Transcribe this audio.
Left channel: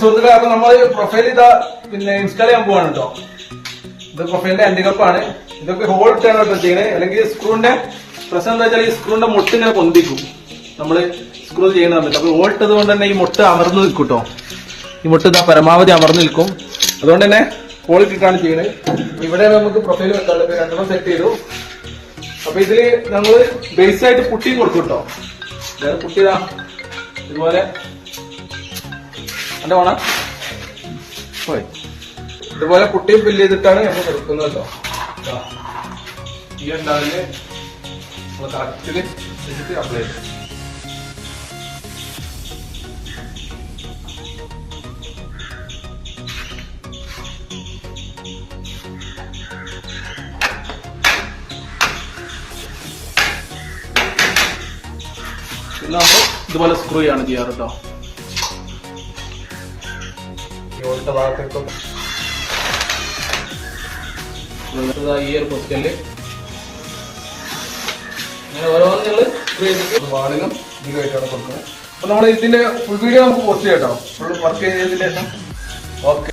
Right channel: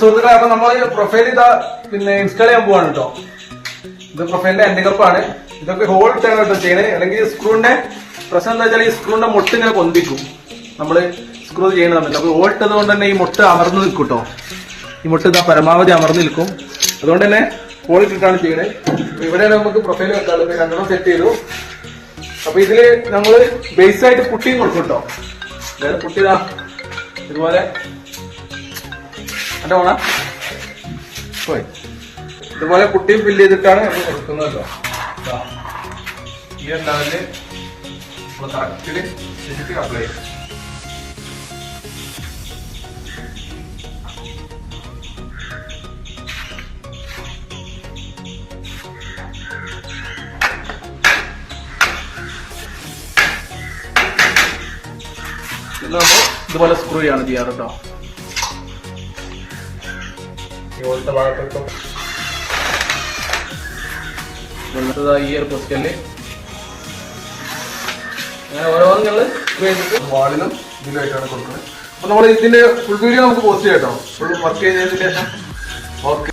സുഹൃത്തുക്കളെ, അപ്പൊ നമ്മൾ പ്രൊഫൈൽ ഇതാ പിന്നെ ഇൻസ്റ്റാൾ ചെയ്യാൻ പോവാണ് കേട്ടോ. ഇത് പ്രൊഫൈലിന്റെ അണ്ടികപ്പാണ്. ഇതൊക്കെ ഹോൾ ഇട്ടാണ് കേട്ടോ ചെയ്യണേ. അല്ലെങ്കിൽ സ്ക്രൂവിന്റെ പ്രശ്നം എന്താ വെച്ചാൽ ഈ സ്ക്രൂവിന്റെ മുട്ട് ഇങ്ങനെ പൊന്തിക്കും നമ്മള് സ്ക്രൂ ചെയ്യണ തമ്മിൽ. അപ്പൊ ഹോൾ ഇട്ടത് കൊണ്ട് തന്നെ ഈ മുട്ട് അമർന്നു നിൽക്കും കേട്ടോ. ഈ മുട്ട് ഇതാ പരമാവധി അമർന്നു നിൽക്കും. അതുകൊണ്ട് തന്നെ ഹോൾ ഇട്ടിട്ടാണ് ചെയ്യണേ. ഇവിടെയാണ് നമുക്ക് പ്രൊഫൈൽ വെക്കാനുള്ളത്. രണ്ടെണ്ണം സെറ്റ് ചെയ്തു. അപ്പൊ ഇതില് നമ്മള് ബേസ് ആയിട്ട് പുട്ടിയും കൊടുക്കും കേട്ടോ. പുട്ടി ഇതാ ഇതുപോലെ എന്റെ വേണം പോയി ഇതുപോലെ പുട്ടിയും ഫില്ല് ചെയ്തിട്ടാണ് നമ്മൾ കൊടുക്കുന്നത് കേട്ടോ. ഈ ഒരു ലെവലില് നമ്മൾ കറക്റ്റില് ചെയ്തിട്ട് അപ്ലൈ ചെയ്യും. പിന്നെ നമ്മൾ ഇതുപോലെ സ്ക്രൂ ചെയ്യാണ് ചെയ്യാറ് കേട്ടോ. ഇതുപോലത്തെ ഭാഗത്തേക്കും ഈ ഒരു പൊസിഷനില് അങ്ങനെ ഓരോന്നും ഞങ്ങള് സ്ക്രൂ ചെയ്തിട്ട് വാളിലും ഇതിലായിട്ടാണ് കൊടുക്കുന്നത്. അപ്പൊ നമ്മൾ ഇതിന്റെ ഫുൾ വീഡിയോ നമുക്ക് പോസ്റ്റ് ചെയ്യാം കേട്ടോ. ഫുൾ വർക്ക് ചെയ്തതിന് ശേഷം. ഓക്കെ.